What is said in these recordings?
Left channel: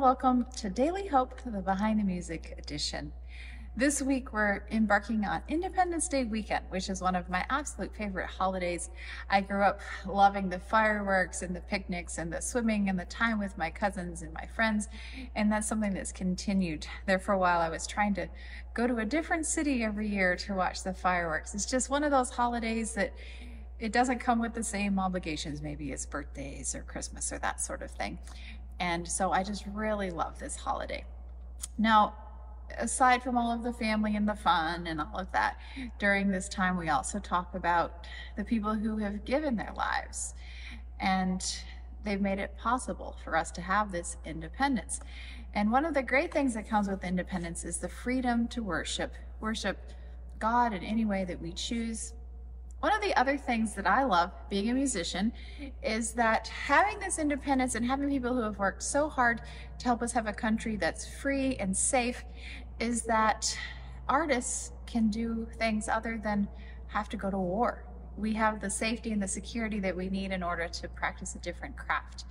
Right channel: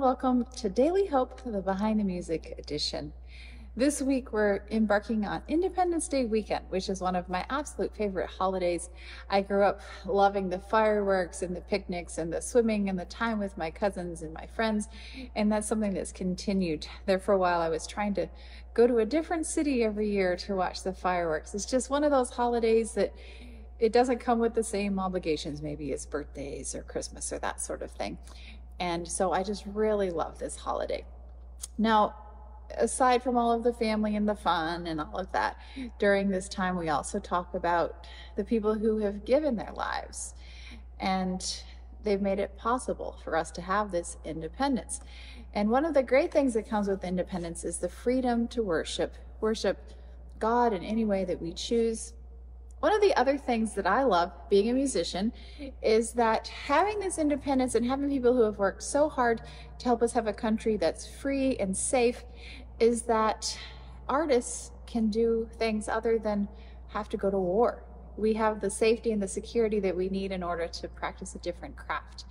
and welcome to Daily Hope, the Behind the Music edition. This week we're embarking on Independence Day weekend, which is one of my absolute favorite holidays. I grew up loving the fireworks and the picnics and the swimming and the time with my cousins and my friends, and that's something that's continued. There for a while I was trying to go to a different city every year to watch the fireworks. It's just one of those holidays that it doesn't come with the same obligations, maybe as birthdays or Christmas or that sort of thing. And so I just really love this holiday. Now, aside from all of the family and the fun and all of that, during this time we also talk about the people who have given their lives, and they've made it possible for us to have this independence. And one of the great things that comes with independence is the freedom to worship God in any way that we choose. One of the other things that I love being a musician is that having this independence and having people who have worked so hard to help us have a country that's free and safe is that artists can do things other than have to go to war. We have the safety and the security that we need in order to practice a different craft.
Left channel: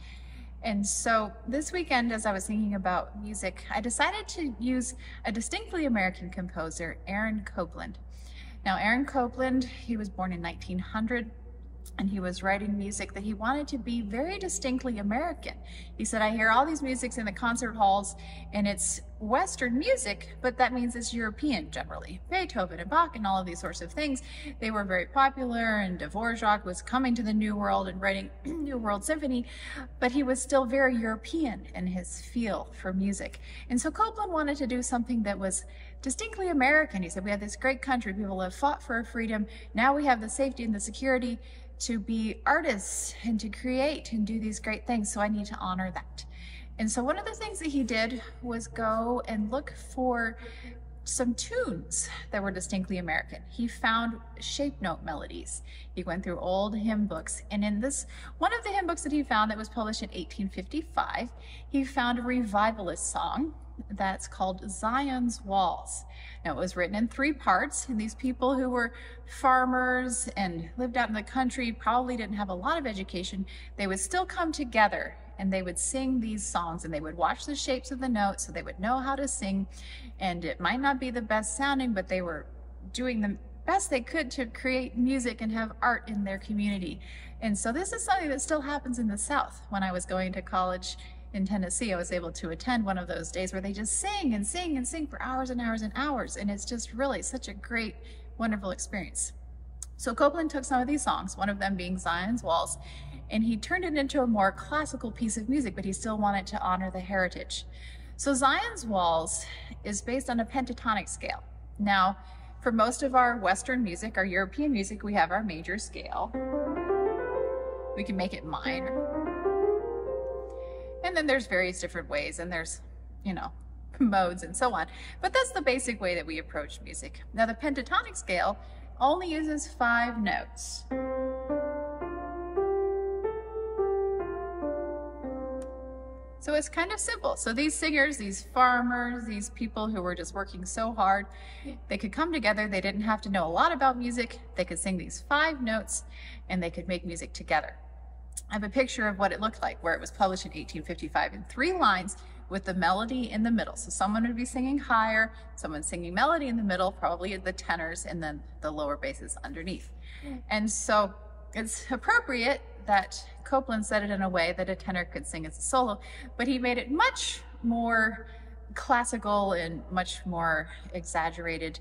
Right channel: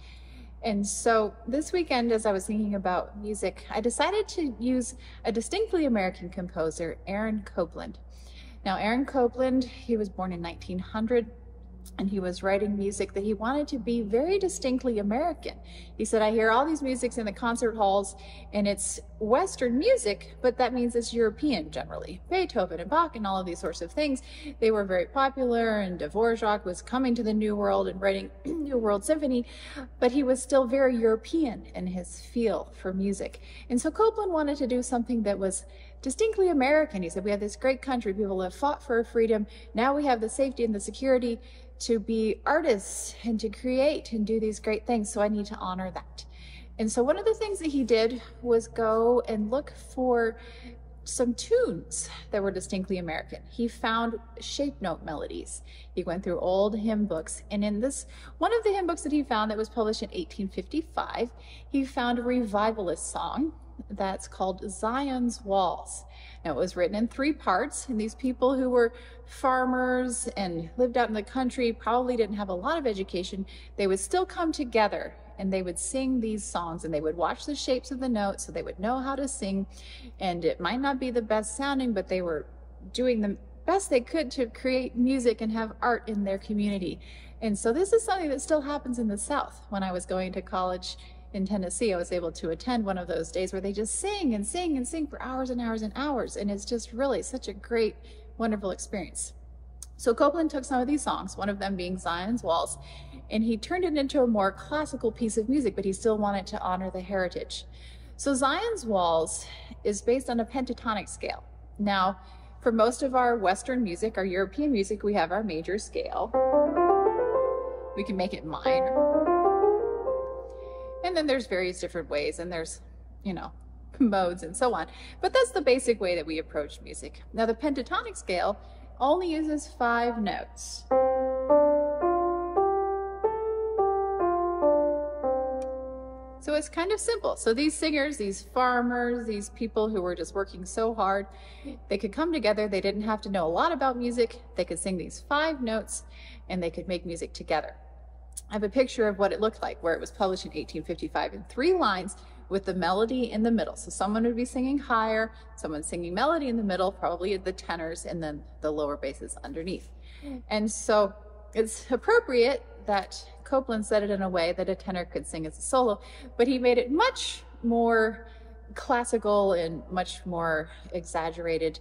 And so this weekend, as I was thinking about music, I decided to use a distinctly American composer, Aaron Copland. Now, Aaron Copland, he was born in 1900, and he was writing music that he wanted to be very distinctly American. He said, I hear all these musics in the concert halls, and it's Western music, but that means it's European generally. Beethoven and Bach and all of these sorts of things, they were very popular, and Dvorak was coming to the New World and writing New World Symphony, but he was still very European in his feel for music. And so Copland wanted to do something that was distinctly American. He said, we have this great country, people have fought for freedom, now we have the safety and the security to be artists and to create and do these great things, so I need to honor that. And so one of the things that he did was go and look for some tunes that were distinctly American. He found shape note melodies. He went through old hymn books, and in this, one of the hymn books that he found that was published in 1855, he found a revivalist song that's called Zion's Walls. Now, it was written in 3 parts, and these people who were farmers and lived out in the country probably didn't have a lot of education. They would still come together and they would sing these songs, and they would watch the shapes of the notes so they would know how to sing. And it might not be the best sounding, but they were doing the best they could to create music and have art in their community. And so this is something that still happens in the South. When I was going to college in Tennessee, I was able to attend one of those days where they just sing and sing and sing for hours and hours and hours. And it's just really such a great, wonderful experience. So Copland took some of these songs, one of them being Zion's Walls, and he turned it into a more classical piece of music, but he still wanted to honor the heritage. So Zion's Walls is based on a pentatonic scale. Now, for most of our Western music, our European music, we have our major scale. We can make it minor. And then there's various different ways, and there's, modes and so on. But that's the basic way that we approach music. Now, the pentatonic scale only uses 5 notes. So it's kind of simple. So these singers, these farmers, these people who were just working so hard, they could come together. They didn't have to know a lot about music. They could sing these 5 notes, and they could make music together. I have a picture of what it looked like, where it was published in 1855 in 3 lines with the melody in the middle. So someone would be singing higher, someone singing melody in the middle, probably the tenors, and then the lower basses underneath. And so it's appropriate that Copland said it in a way that a tenor could sing as a solo, but he made it much more classical and much more exaggerated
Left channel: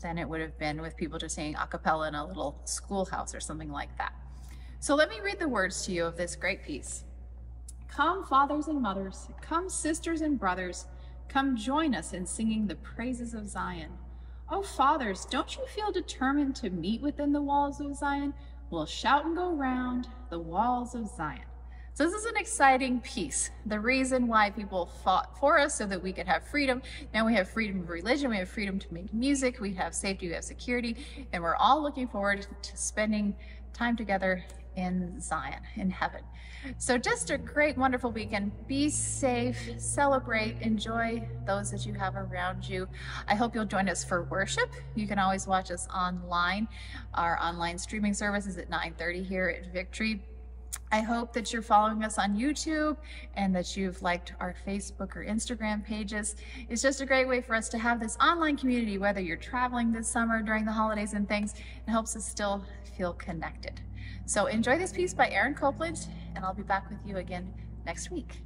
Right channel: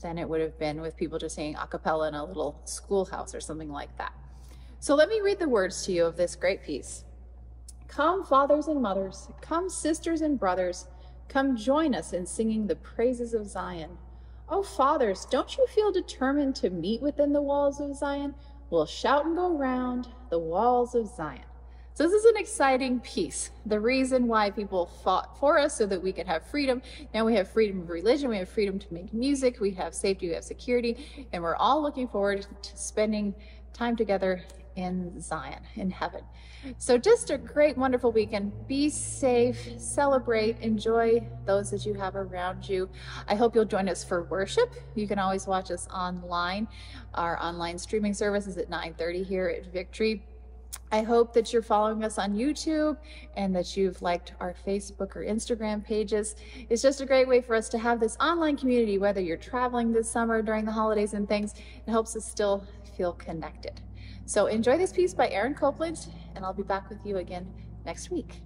than it would have been with people just singing a cappella in a little schoolhouse or something like that. So let me read the words to you of this great piece. Come, fathers and mothers, come, sisters and brothers, come join us in singing the praises of Zion. Oh, fathers, don't you feel determined to meet within the walls of Zion? We'll shout and go round the walls of Zion. So this is an exciting piece. The reason why people fought for us so that we could have freedom. Now we have freedom of religion, we have freedom to make music, we have safety, we have security, and we're all looking forward to spending time together in Zion, in heaven. So just a great, wonderful weekend. Be safe, celebrate, enjoy those that you have around you. I hope you'll join us for worship. You can always watch us online. Our online streaming service is at 9:30 here at Victory. I hope that you're following us on YouTube and that you've liked our Facebook or Instagram pages. It's just a great way for us to have this online community, whether you're traveling this summer during the holidays and things. It helps us still feel connected. So enjoy this piece by Aaron Copeland, and I'll be back with you again next week.